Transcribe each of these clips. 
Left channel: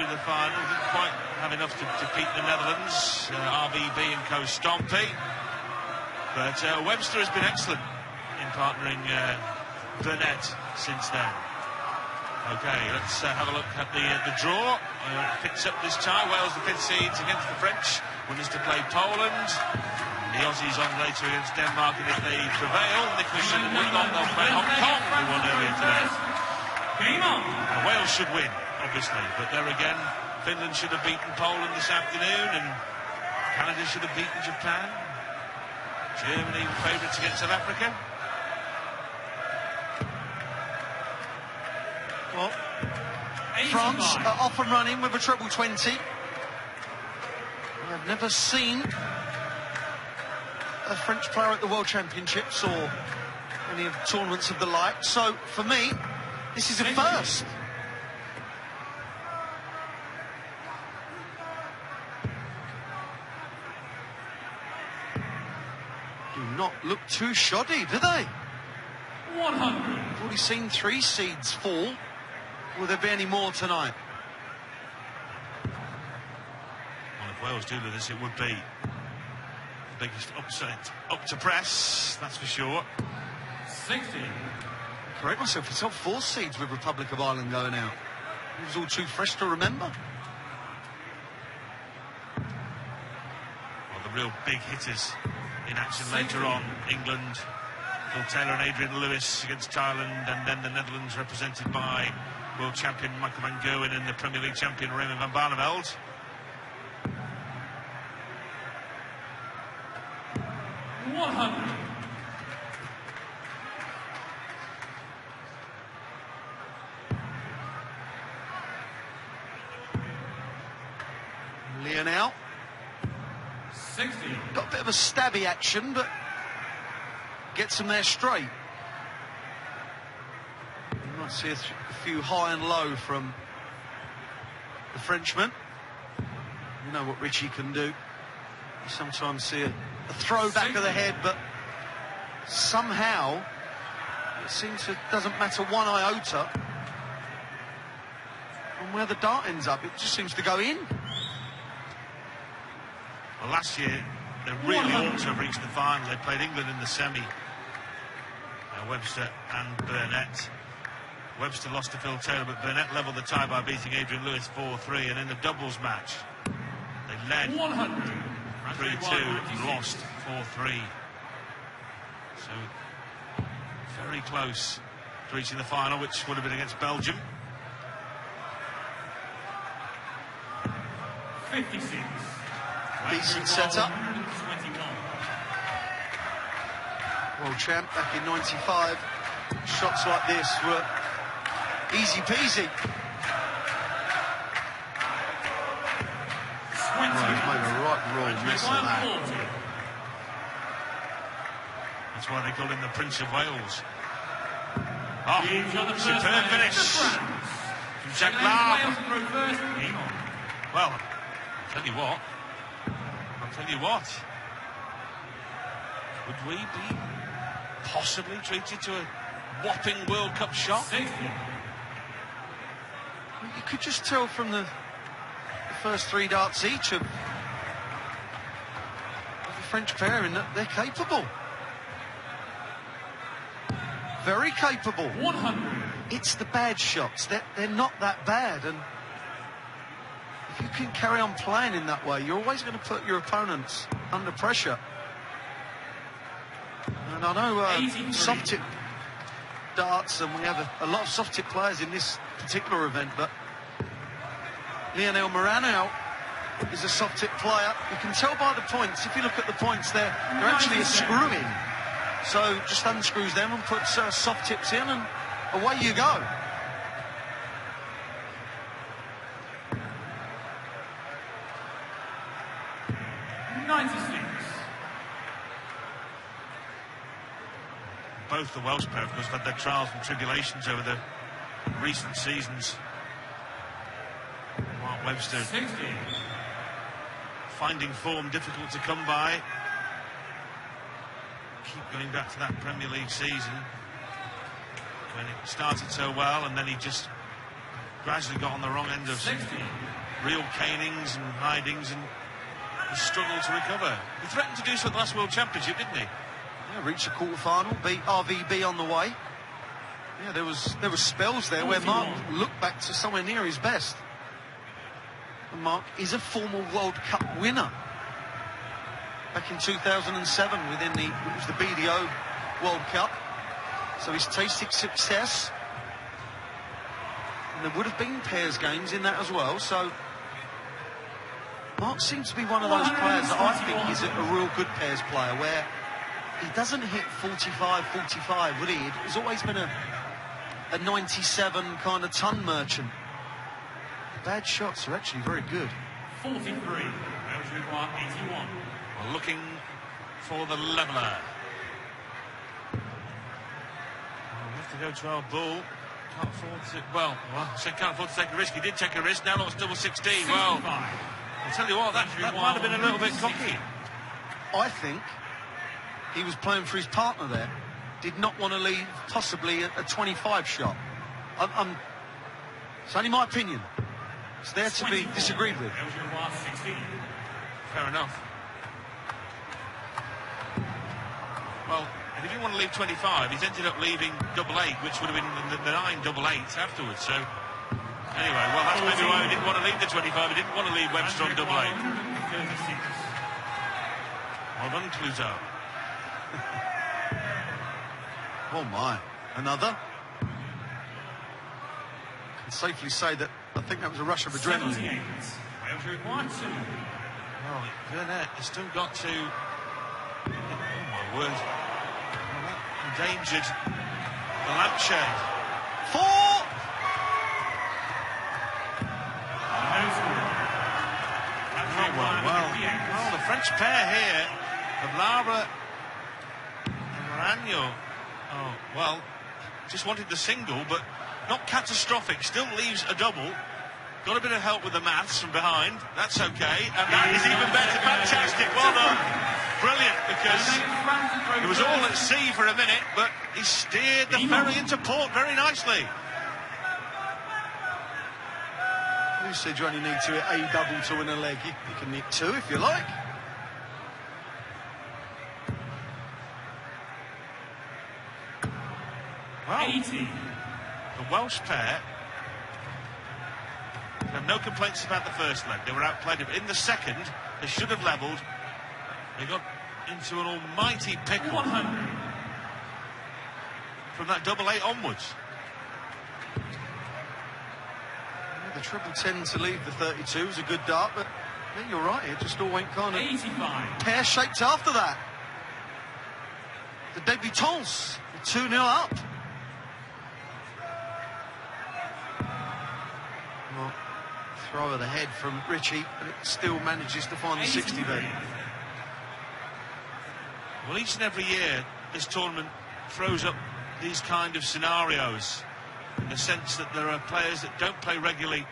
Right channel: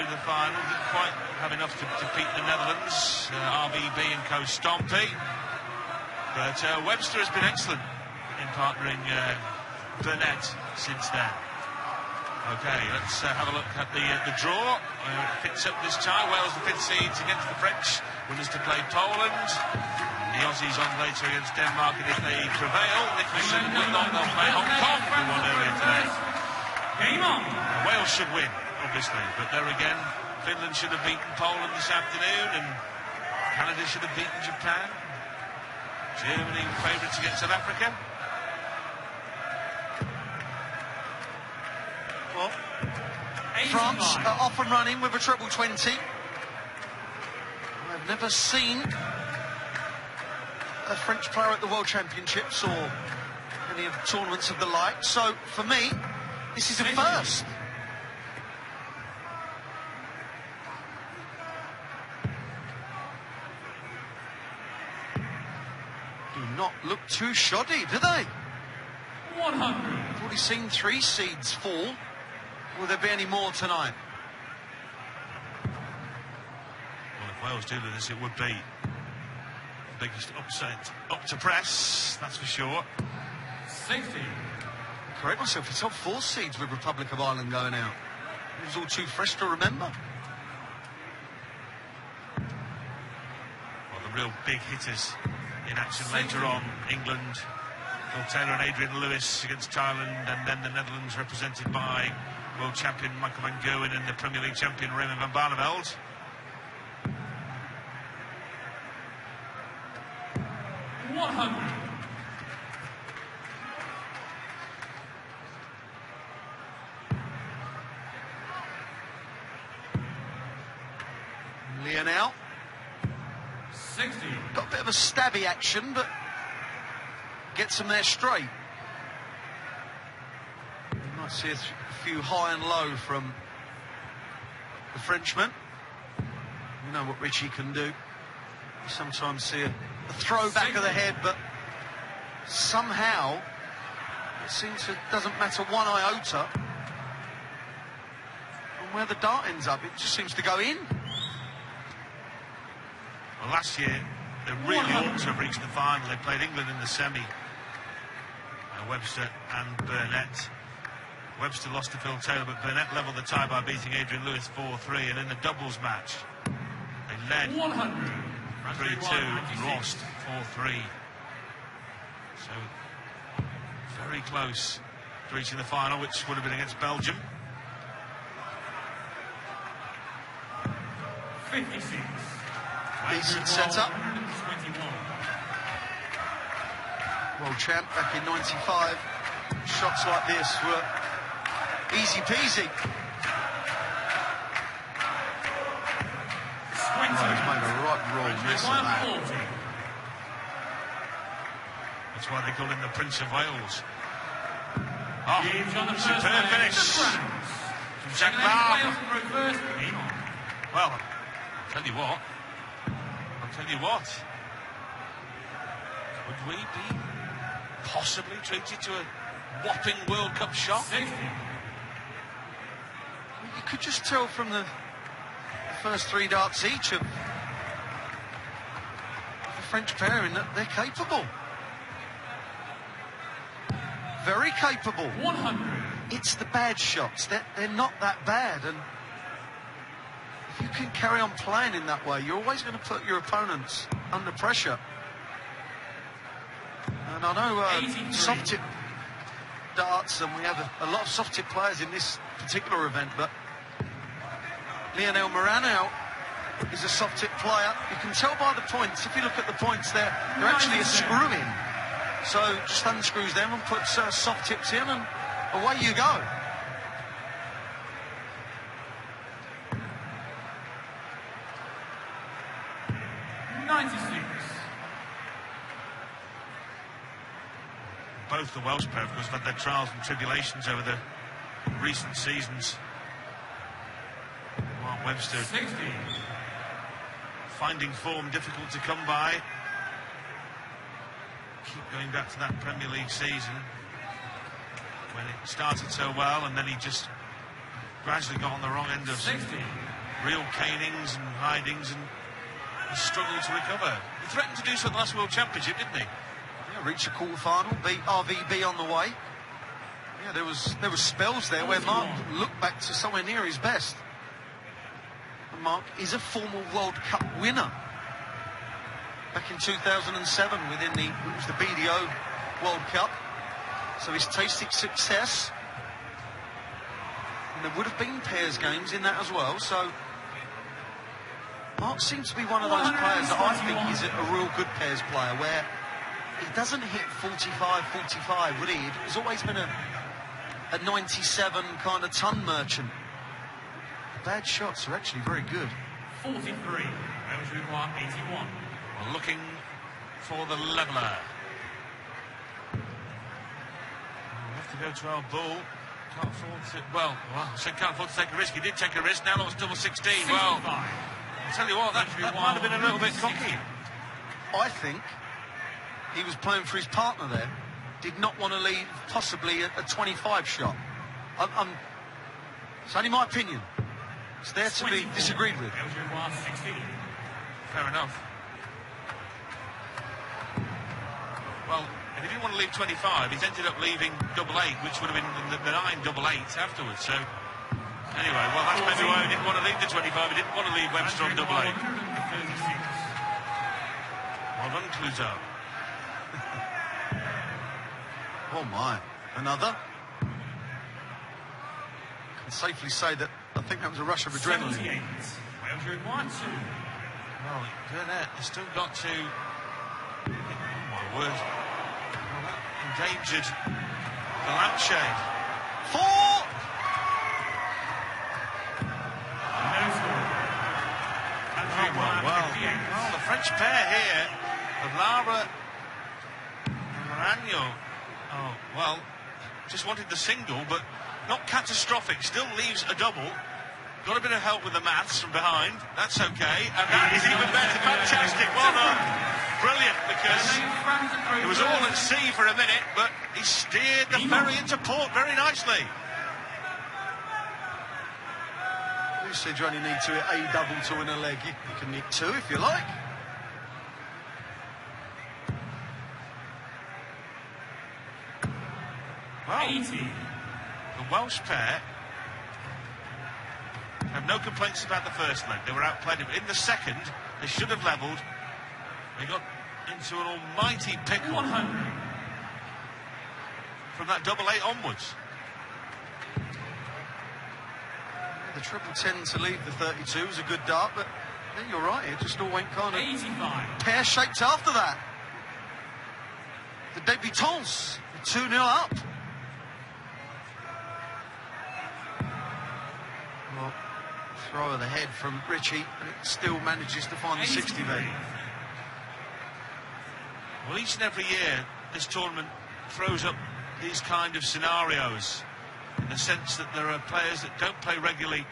through the final. Didn't quite have enough to defeat the Netherlands, RVB and co-Stompy. But Webster has been excellent in partnering Burnett since then. Okay, let's have a look at the draw. Picks up this tie. Wales the 5th seeds against the French. Winners to play Poland. The Aussies on later against Denmark, and if they prevail, Nicholas Shepard will not play Hong Kong, who won earlier today. Wales should win, obviously, but there again, Finland should have beaten Poland this afternoon, and Canada should have beaten Japan. Germany favourites against South Africa. Well, France are up and running with a treble 20. I've never seen a French player at the World Championships or any of the tournaments of the like. So, for me, this is a first. Do not look too shoddy, do they? I've already seen 3 seeds fall. Will there be any more tonight? If Wales do this, it would be the biggest upset up to press, that's for sure. 60. Correct myself, it's all 4 seeds with Republic of Ireland going out. It was all too fresh to remember. Well, the real big hitters in action later on. England, Phil Taylor and Adrian Lewis against Thailand, and then the Netherlands represented by world champion Michael van Gerwen and the Premier League champion Raymond van Barneveld. Lionel. 60. Got a bit of a stabby action, but gets him there straight. You might see a few high and low from the Frenchman. You know what Richie can do. You sometimes see a throw back of the head, but somehow it seems it doesn't matter one iota on where the dart ends up. It just seems to go in. Well, last year they really ought to have reached the final. They played England in the semi. Webster and Burnett. Webster lost to Phil Taylor, but Burnett levelled the tie by beating Adrian Lewis 4-3, and in the doubles match they led 3-2 and lost 4-3. So very close to reaching the final, which would have been against Belgium. 56. Decent setup. World champ back in '95. Shots like this were easy peasy. That's why they call him the Prince of Wales. Superb finish from Zaglar. Well, I'll tell you what. Would we be possibly treated to a whopping World Cup shot? You could just tell from the first 3 darts each of the French pairing that they're capable. Very capable. It's the bad shots. They're not that bad. And if you can carry on playing in that way, you're always going to put your opponents under pressure. And I know soft tip darts, and we have a lot of soft tip players in this particular event, but Lionel Morano is a soft tip player. You can tell by the points. If you look at the points, they're actually a screw in. So just unscrews them and puts soft tips in, and away you go. Both the Welsh players have had their trials and tribulations over the recent seasons. Webster finding form difficult to come by. Keep going back to that Premier League season when it started so well, and then he just gradually got on the right end of real canings and hidings and struggled to recover. He threatened to do so at the last World Championship, didn't he? Yeah, reached a quarter-final, beat RVB on the way. Yeah, there was spells there where Mark looked back to somewhere near his best. Mark is a former World Cup winner. Back in 2007 within it was the BDO World Cup. So he's tasted success. And there would have been pairs games in that as well. So Mark seems to be one of those players that I think is a real good pairs player, where he doesn't hit 45, but he has always been a 97 kind of ton merchant. Bad shots are actually very good. 43, Andrew Mark 81. Looking for the leveller. We'll have to go to our ball. Can't afford to, well, so can't afford to take a risk. He did take a risk. Now that was double 16. Well, I'll tell you what, that might have been a little bit cocky. I think he was playing for his partner there. Did not want to leave possibly a 25 shot. And it's only my opinion. It's there to be disagreed with. Fair enough. Well, if he didn't want to leave 25, he's ended up leaving double 8, which would have been the 9 double 8s afterwards. So, anyway, well, that's maybe he didn't want to leave the 25, he didn't want to leave Webster on double 8. Well, that includes out. Oh my, another? I can safely say that I think that was a rush of adrenaline. Andrew Martin. Oh, Burnett has still got to. Was endangered the lampshade. 4! Well, the French pair here of Lara and Manuel. Oh, well, just wanted the single, but not catastrophic. Still leaves a double. Got a bit of help with the maths from behind. That's okay. And that is even better. Fantastic. Well done. Brilliant, because he was all at sea for a minute, but he steered the ferry into port very nicely. You said you only need to hit a double 2 and a leg. You can hit 2 if you like. The Welsh pair had no complaints about the first leg. They were outplayed. In the second, they should have levelled. They got into an almighty pickle from that double 8 onwards. The triple 10 to leave the 32 was a good dart, but yeah, you're right, it just all went kind of pear-shaped after that. The debutants were 2-0 up. Well, throw it ahead from Richie, and it still manages to find the 60 there. Well, each and every year, this tournament throws up these kind of scenarios, in the sense that there are players that don't play regularly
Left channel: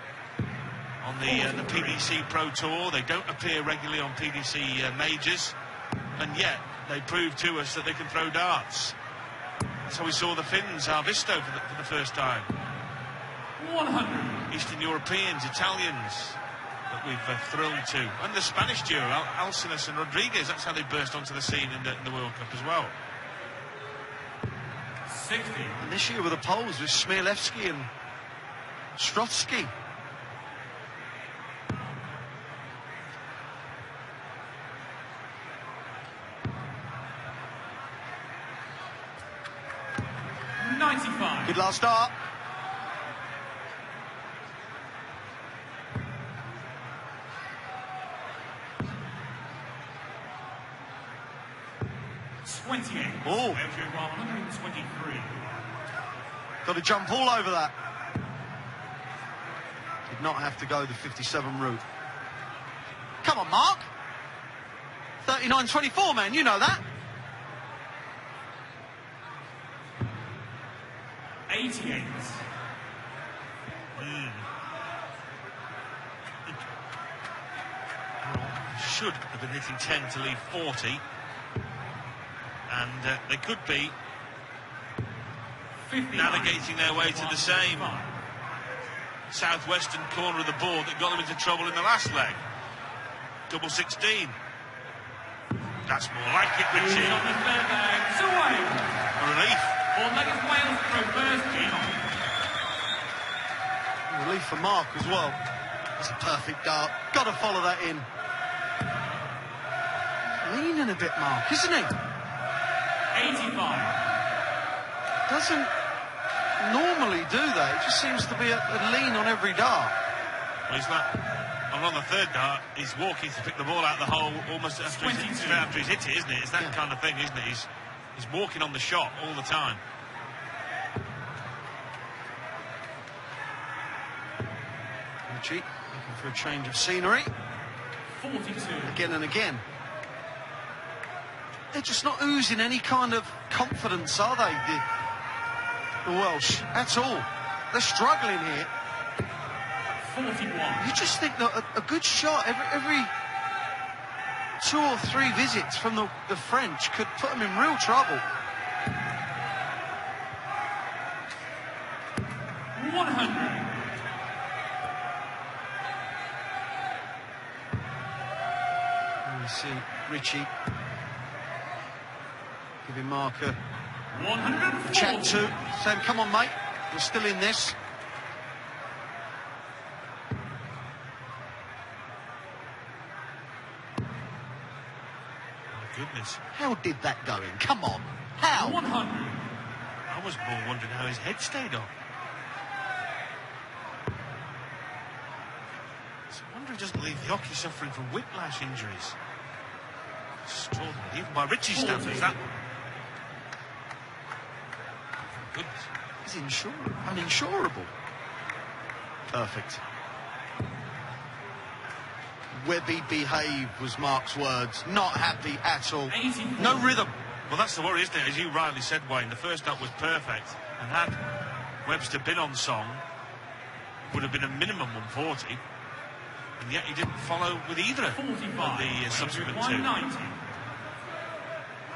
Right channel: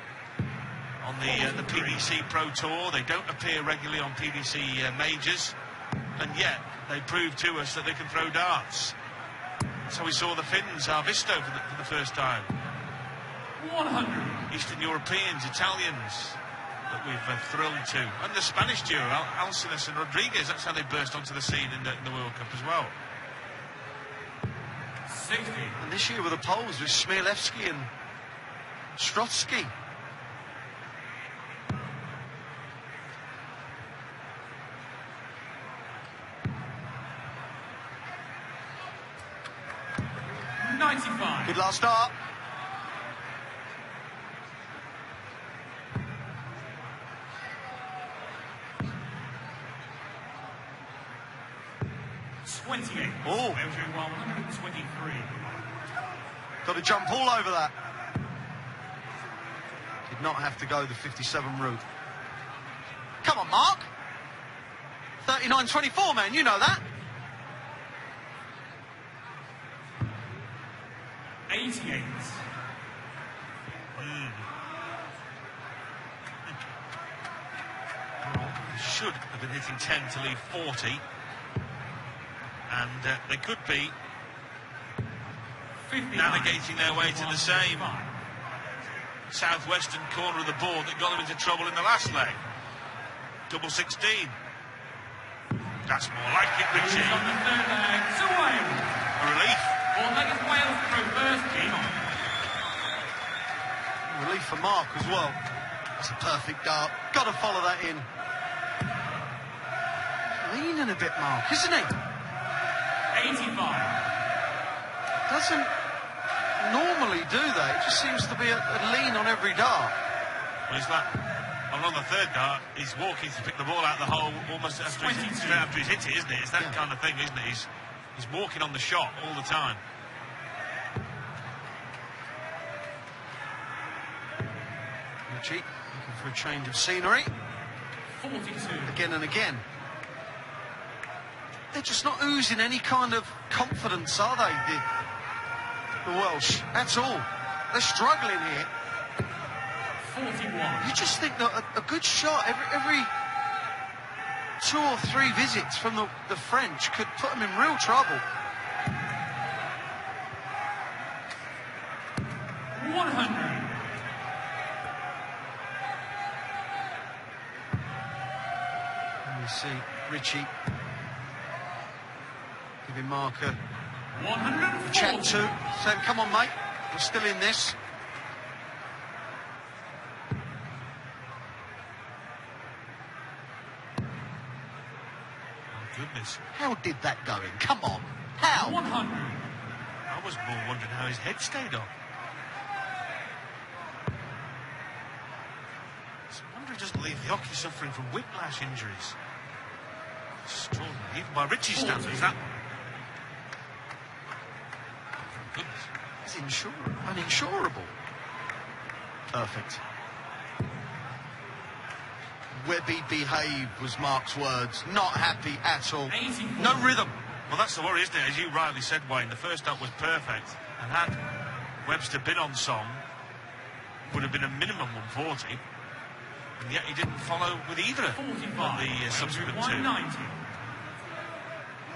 on the PDC Pro Tour. They don't appear regularly on PDC majors, and yet they prove to us that they can throw darts. So we saw the Finns, Arvisto, for the first time. Eastern Europeans, Italians, that we've thrilled to. And the Spanish duo, Alcinas and Rodriguez, that's how they burst onto the scene in the World Cup as well. And this year with the Poles, with Smirlewski and Strotsky. Good last start. Oh, 23. Got to jump all over that. Did not have to go the 57 route. Come on, Mark. 39-24, man, you know that. 88. Should have been hitting 10 to leave 40. And they could be navigating their way to the same. southwestern corner of the board that got them into trouble in the last leg. Double 16. That's more like it, Richie. Relief. Relief for Mark as well. It's a perfect dart. Got to follow that in. Leaning a bit, Mark, isn't he? 85. Doesn't normally do that. It just seems to be a lean on every dart. And on the third dart, he's walking to pick the ball out of the hole almost after he's hit it, isn't it? It's that kind of thing, isn't it? He's walking on the shot all the time. Richie looking for a change of scenery. 42. Again and again. They're just not oozing any kind of confidence, are they, the Welsh? At all. They're struggling here. 41. You just think that a good shot every 2 or 3 visits from the French could put them in real trouble. 100. You see Richie giving Mark a chat to, saying, come on, mate, we're still in this. Goodness. How did that go in? Come on. How? I was more wondering how his head stayed on. It's a wonder he doesn't leave the hockey suffering from whiplash injuries. Extraordinary. Even by Richie's standards, that. He's uninsurable. Perfect. Webby behaved was Mark's words. Not happy at all. No rhythm. Well, that's the worry, isn't it? As you rightly said, Wayne, the first up was perfect. And had Webster been on song, would have been a minimum 140. And yet he didn't follow with either of the subsequent two.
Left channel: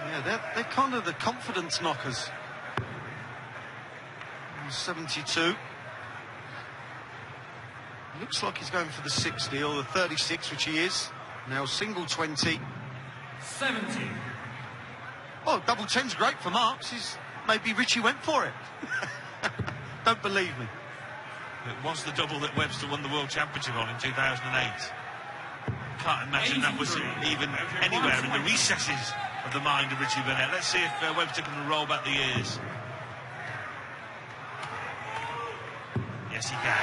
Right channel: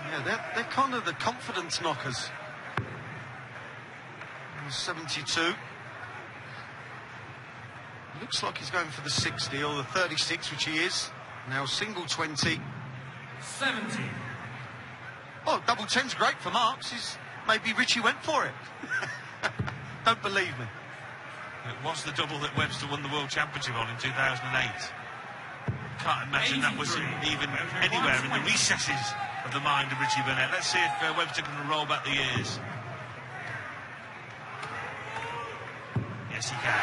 Yeah, they're kind of the confidence knockers. 72. Looks like he's going for the 60 or the 36, which he is. Now single 20. 70. Oh, double 10's great for Marks. Maybe Richie went for it. Don't believe me. It was the double that Webster won the World Championship on in 2008. Can't imagine that was even anywhere in the recesses of the mind of Richie Burnett. Let's see if Webster can roll back the years. Yes, he can.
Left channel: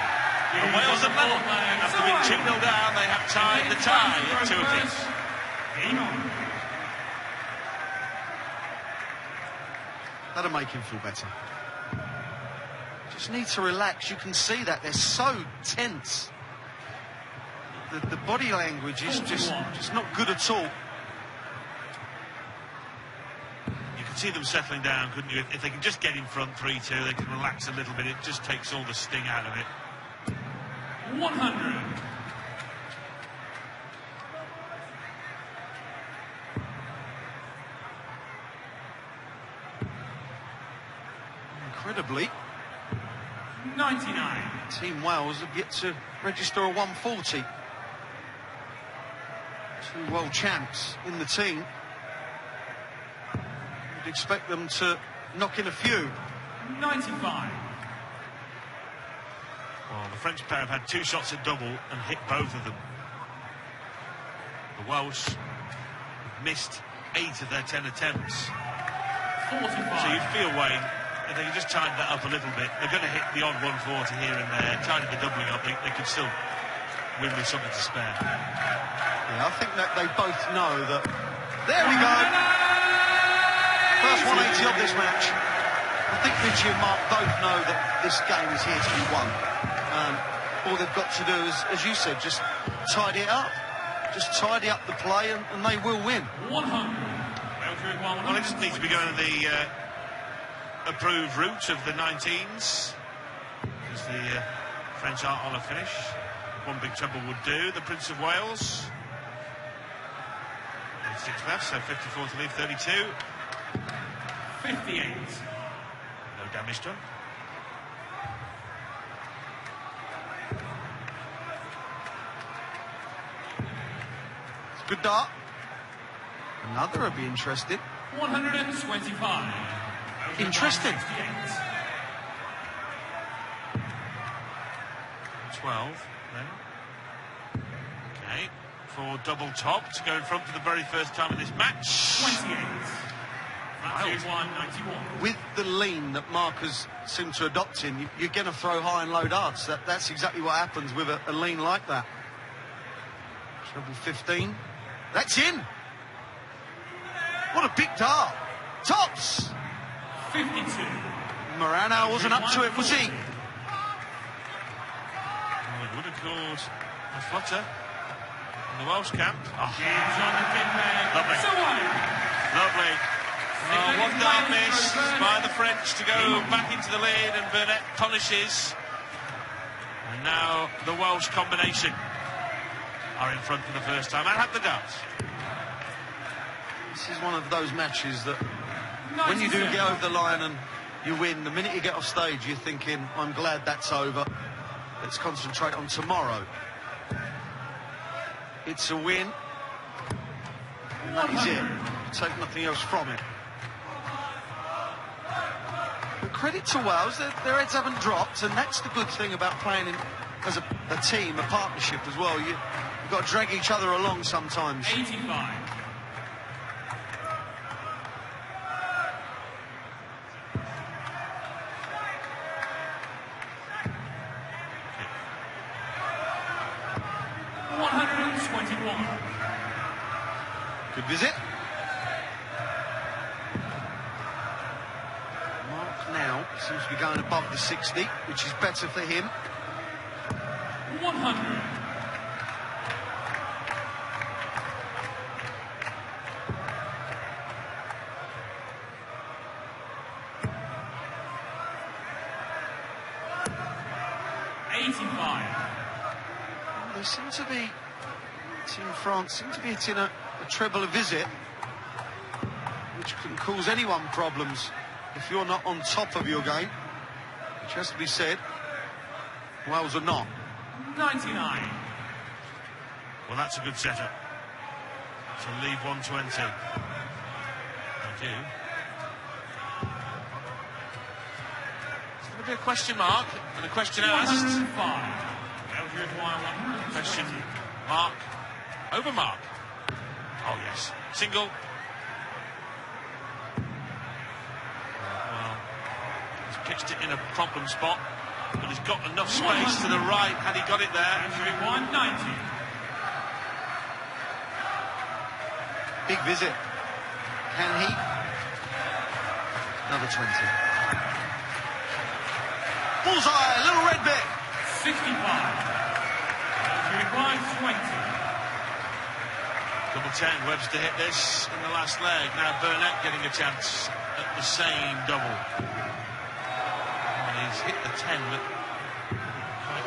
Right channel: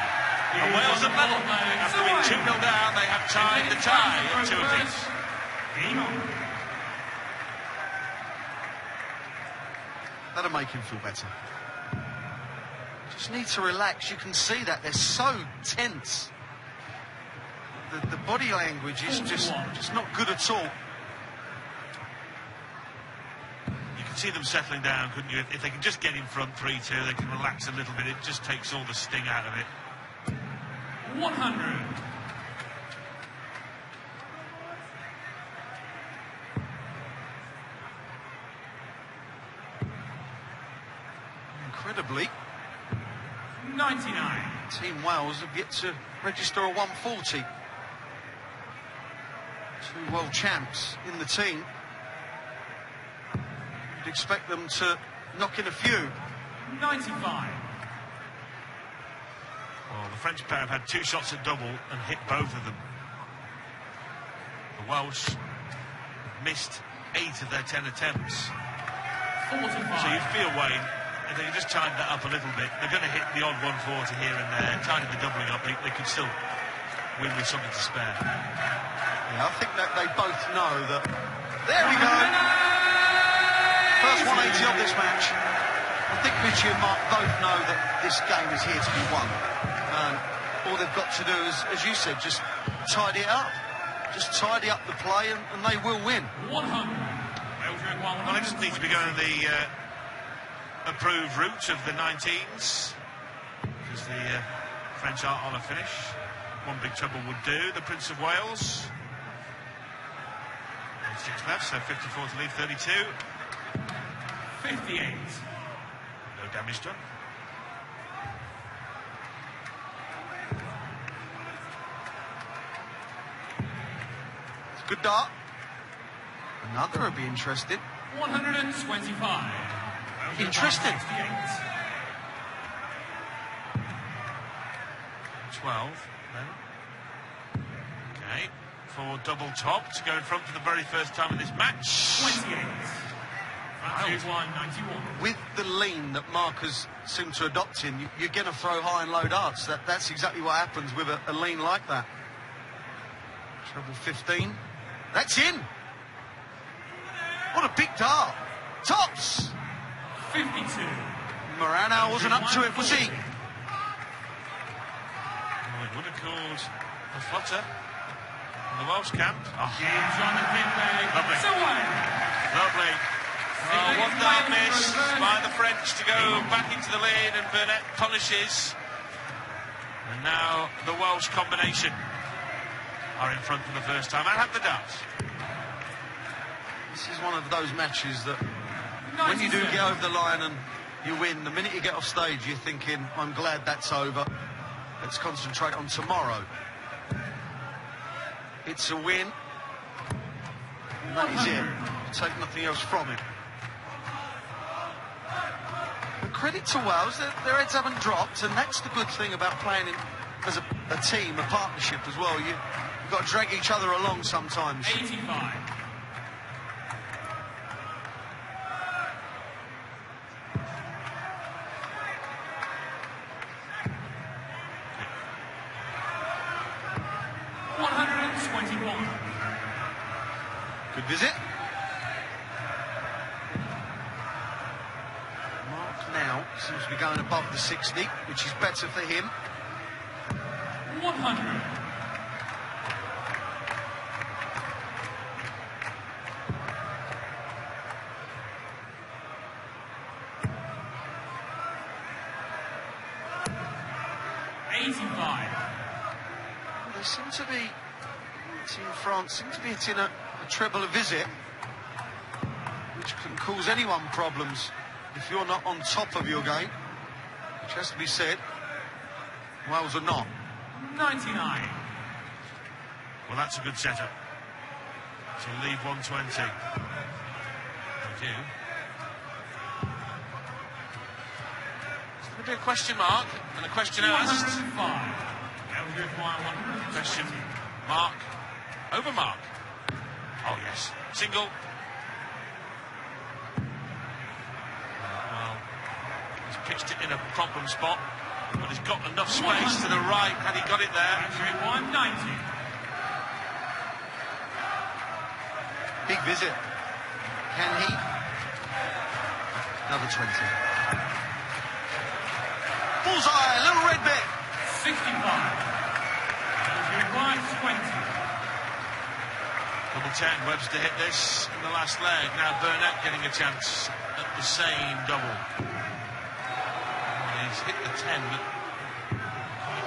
There's another line. As they've been 2-0 down, they have tied the tie at 2-5. That'll make him feel better. Just need to relax. You can see that they're so tense. The body language is just not good at all. You can see them settling down, couldn't you? If they can just get in front 3-2, they can relax a little bit. It just takes all the sting out of it. 100. Incredibly, 99. Team Wales have yet to register a 140. 2 world champs in the team. You'd expect them to knock in a few. 95. Well, the French player had 2 shots at double and hit both of them. The Welsh have missed 8 of their 10 attempts. 45. So you feel, Wayne, if they can just tighten that up a little bit, they're going to hit the odd 140 here and there, tighten the doubling up, they can still win with something to spare. Yeah, I think that they both know that. There we go! First 90 of this match. I think Richie and Mark both know that this game is here to be won. All they've got to do is, as you said, just tidy it up. Just tidy up the play and they will win. Well, they just need to be going the approved route of the 19s, because the French aren't on a finish. One big trouble would do. The Prince of Wales. 86 left, so 54 to leave, 32. 58. No damage done. Good dart. Another would be interested. 125. Interesting. 12. No. Okay. For double top to go in front for the very first time in this match. 28. With the lean that markers seem to adopt in, you're going to throw high and low darts. That's exactly what happens with a lean like that. Treble 15. That's in. What a big dart. Tops. 52. Morano wasn't up to it, was he? And it would have caused a flutter in the Welsh camp. Lovely. One darkness by the French to go back into the lead, and Burnett punishes. And now the Welsh combination are in front for the first time. I have the darts. This is one of those matches that when you do get over the line and you win, the minute you get off stage, you're thinking, I'm glad that's over. Let's concentrate on tomorrow. It's a win. And that is it. You take nothing else from it. But credit to Wales, their heads haven't dropped, and that's the good thing about playing as a team, a partnership as well. You've got to drag each other along sometimes. 85. Good visit. Mark now seems to be going above the 60, which is better for him. 100. They seem to be, Team France seem to be hitting a treble a visit, which can cause anyone problems if you're not on top of your game, which has to be said. Wales are not. 99. Well, that's a good setup. So leave 120. Thank you. It's going to be a question mark and a question asked. 105. Question mark over mark. Oh yes, single. He's catched it in a problem spot, and he's got enough space to the right. Had he got it there, Andrew? 190. Big visit. Can he? Another 20. Bullseye, a little red bit. 65. 120. Number 10, Webster hit this in the last leg. Now Burnett getting a chance at the same double. And he's hit the 10, but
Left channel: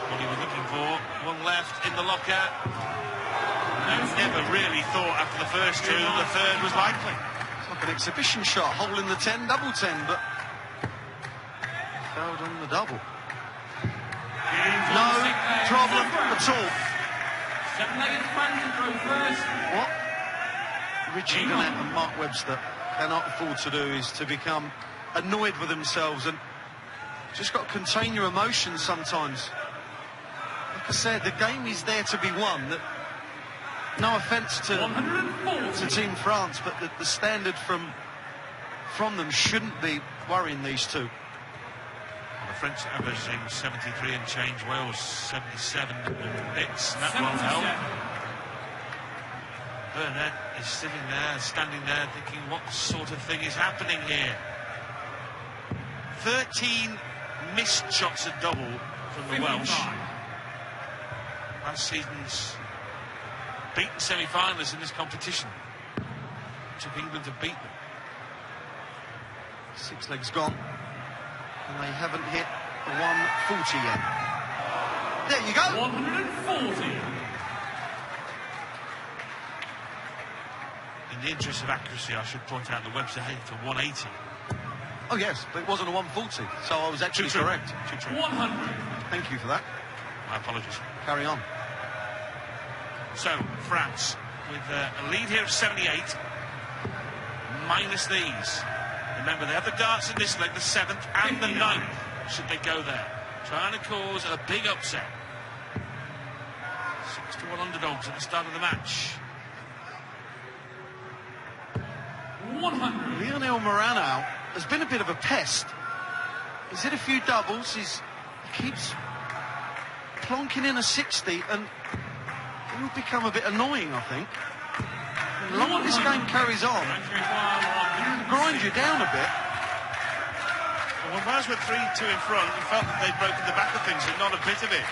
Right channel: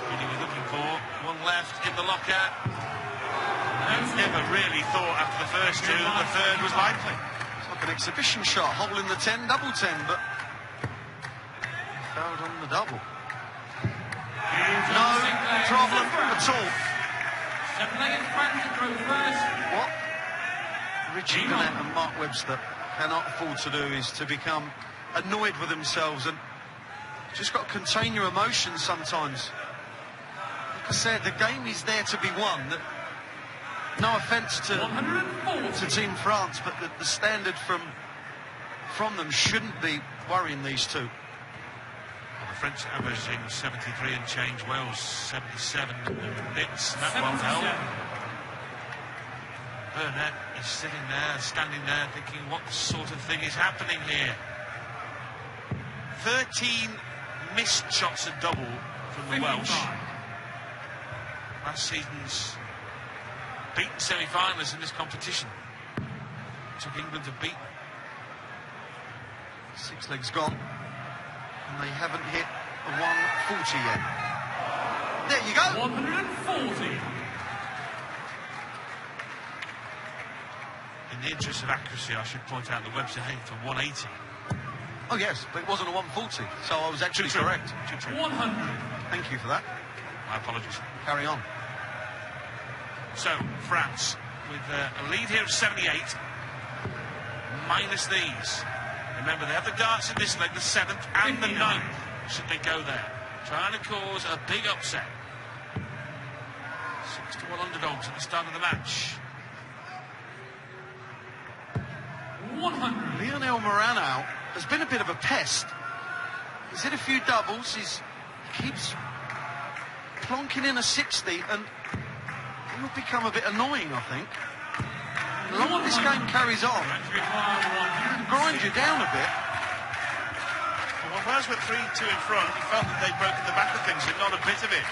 what he was looking for. One left in the lockout. I've never really thought after the first two that the third was likely. It's like an exhibition shot, holding the 10, double 10, but failed on the double. No problem at all. What Richie Burnett and Mark Webster cannot afford to do is to become annoyed with themselves and just got to contain your emotions sometimes. Like I said, the game is there to be won. No offence to Team France, but the standard from them shouldn't be worrying these two. The French averaging 73 and change, Wales 77 bits. That won't help. Burnett is sitting there, standing there, thinking, what sort of thing is happening here? 13 missed shots at double from the Welsh. Last season's beaten semi-finalists in this competition. Took England to beat them. 6 legs gone. And they haven't hit the 140 yet. There you go. 140. In the interest of accuracy, I should point out the Webster hit to 180. Oh yes, but it wasn't a 140, so I was actually True. correct. True. 100. Thank you for that. My apologies. Carry on. So, France with a lead here of 78, minus these. Remember, they have the darts in this leg, the 7th and the 9th, should they go there. Trying to cause a big upset. 6 to 100 odds at the start of the match. 100. Lionel Morano has been a bit of a pest. He's hit a few doubles. He keeps plonking in a 60, and it will become a bit annoying, I think. The longer this game carries on, it can grind you down a bit. Well, the Wales were 3-2 in front. I felt that they'd broken the back of things, and not a bit of it.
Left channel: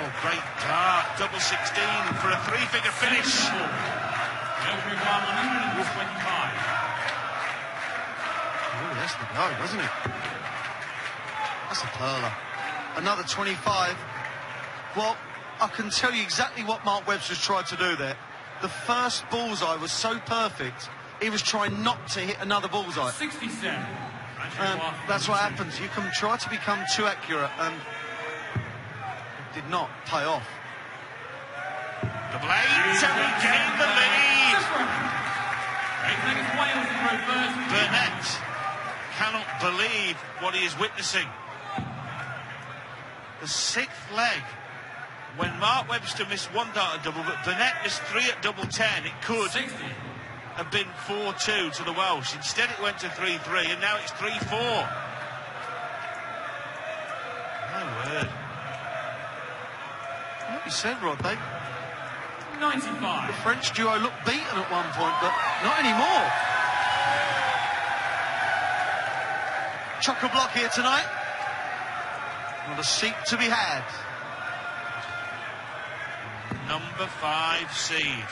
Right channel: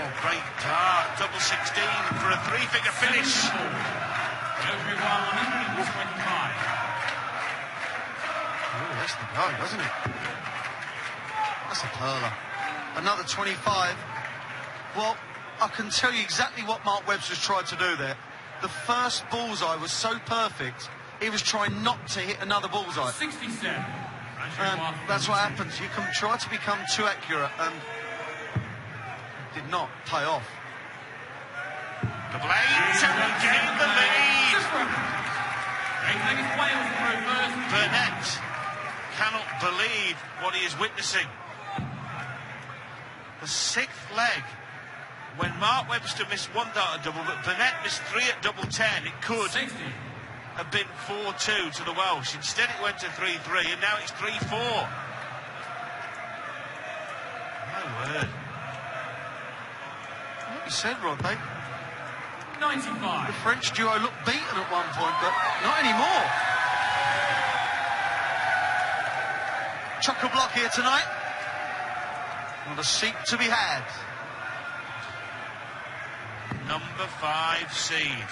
Oh, great dart, double 16 for a 3-figure finish. Oh, that's the blow, wasn't it? That's a pearler. Another 25. Well, I can tell you exactly what Mark Webster's tried to do there. The first bullseye was so perfect, he was trying not to hit another bullseye. 67. That's what happens. You can try to become too accurate, and it did not pay off. The Blade taking the lead. Burnett cannot believe what he is witnessing. The 6th leg. When Mark Webster missed 1 dart at double, but Burnett missed 3 at double 10, it could 60. have been 4-2 to the Welsh. Instead it went to 3-3, and now it's 3-4. My word. Like you said, Rob, the 95. French duo looked beaten at one point, but not anymore. Chock-a-block here tonight, and a seat to be had. Number 5 seed.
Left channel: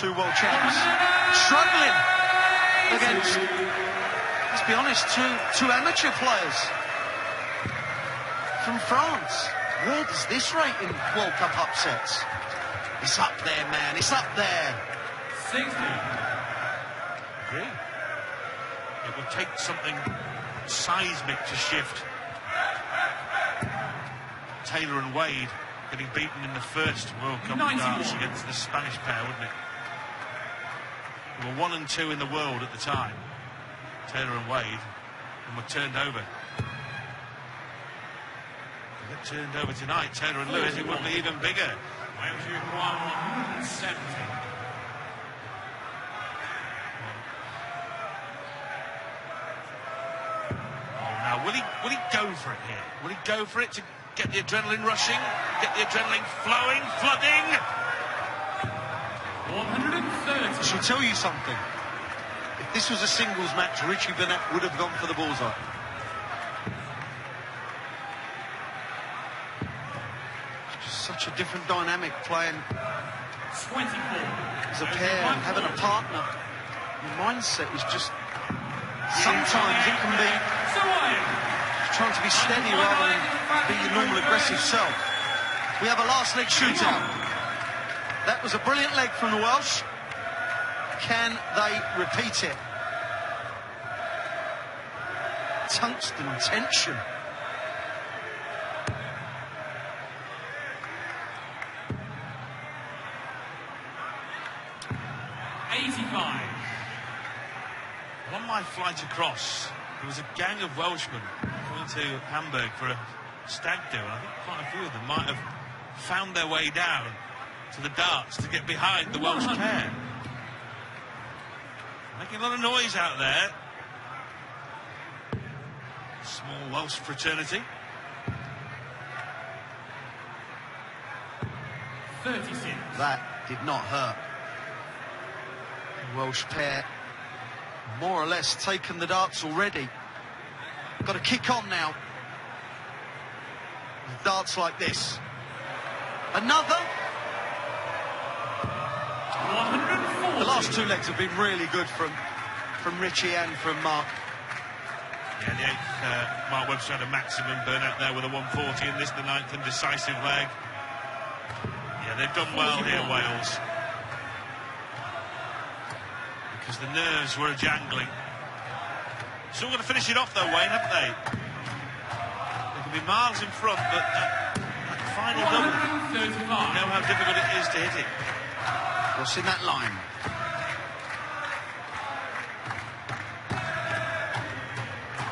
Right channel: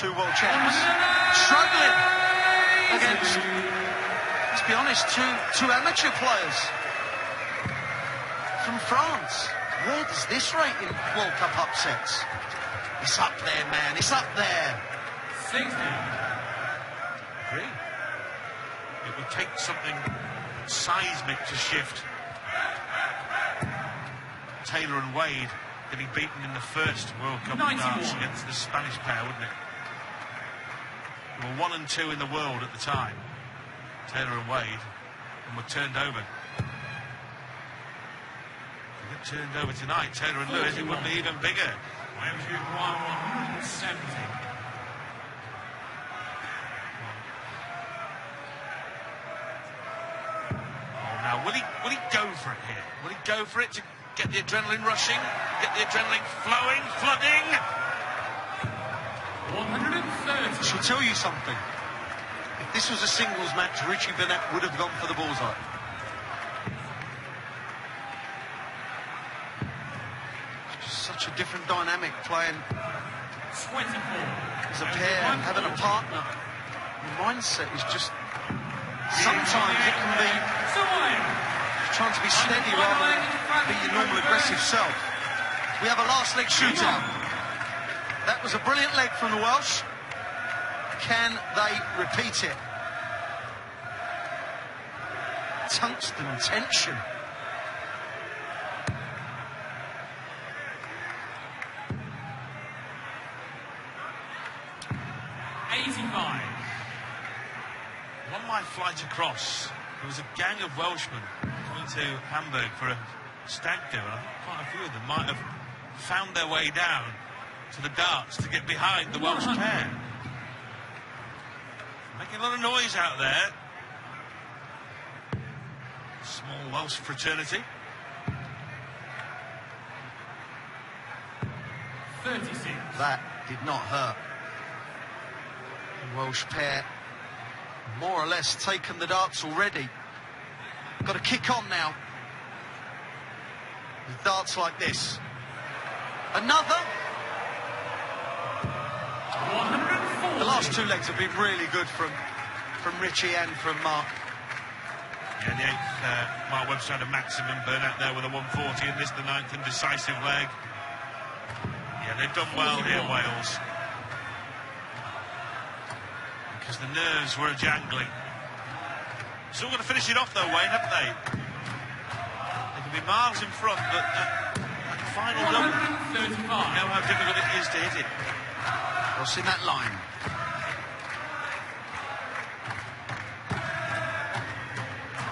Two world champs struggling against, let's be honest, two amateur players from France. Where does this rate in World Cup upsets? It's up there, man. It's up there. 60. Agree. It will take something seismic to shift. Taylor and Wade getting beaten in the first World Cup finals against the Spanish pair, wouldn't it? They were 1 and 2 in the world at the time, Taylor and Wade, and were turned over. They got turned over tonight. Taylor and Lewis, it would be even bigger. Andrew 170. Now, would he go for it here? Would he go for it to get the adrenaline rushing, get the adrenaline flowing, flooding? 130. I should tell you something. If this was a singles match, Richie Bennett would have gone for the bullseye. It's just such a different dynamic playing 24. as a pair, having a partner. The mindset is just, sometimes it can be trying to be steady rather than be your normal aggressive self. We have a last leg shootout. That was a brilliant leg from the Welsh. Can they repeat it? Tungsten tension. On my flight across, there was a gang of Welshmen coming to Hamburg for a stag do. I think quite a few of them might have found their way down to the darts to get behind the Welsh pair. Making a lot of noise out there. Small Welsh fraternity. 36. That did not hurt. The Welsh pair more or less taken the darts already. Got to kick on now. With darts like this. Another. The last 2 legs have been really good from Richie and from Mark. Yeah, the 8th, Mark Webster had a maximum burnout there with a 140, and this the 9th and decisive leg. Yeah, they've done well here, Wales. Because the nerves were a-jangling. Still going to finish it off though, Wayne, haven't they? They can be miles in front, but that final one, you know how difficult it is to hit it. What's in that line?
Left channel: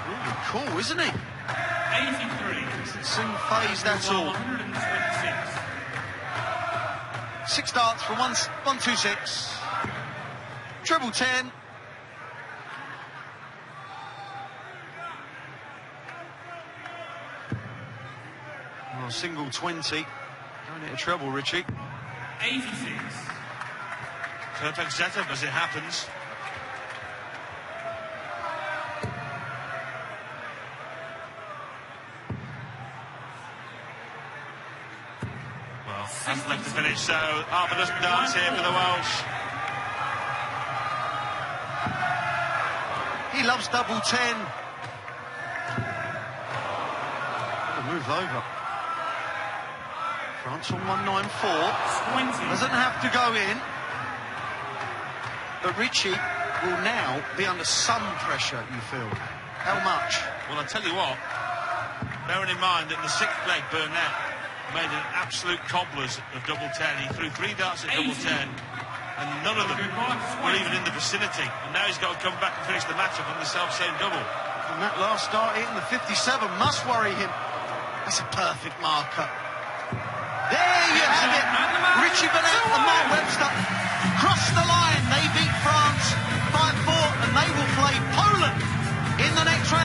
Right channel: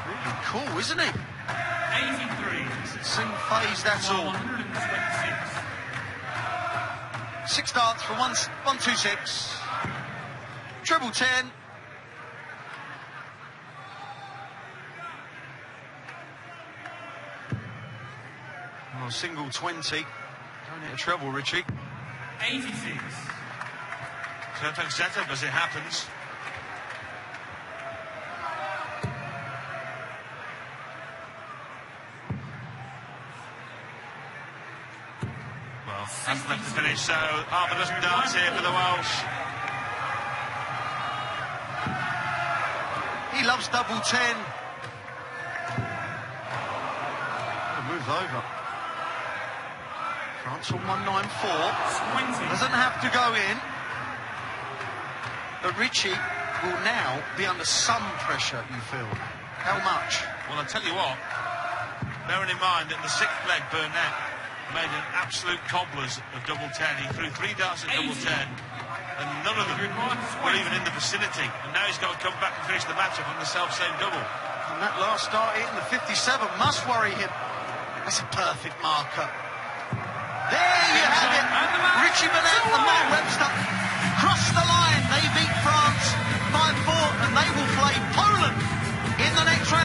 Really cool, isn't he? 83. Doesn't seem phased at all. 126. 6 darts from 126. Triple 10. And a single 20. Don't hit a treble, Richie. 86. Perfect setup as it happens. That's not the finish, so Harper doesn't dance here for the Welsh. He loves double 10. Move over. France from 194. 20. Doesn't have to go in. But Richie will now be under some pressure, you feel. How much? Well, I'll tell you what, bearing in mind that the sixth leg, Burnett, made an absolute cobblers of double 10. He threw 3 darts at double 10, and none of them were even in the vicinity. And now he's got to come back and finish the matchup on the self-same double. And that last start hitting the 57 must worry him. It's a perfect marker. There you have it. Richie Burnett and Matt Webster cross the line. They beat France 5-4, and they will play Poland in the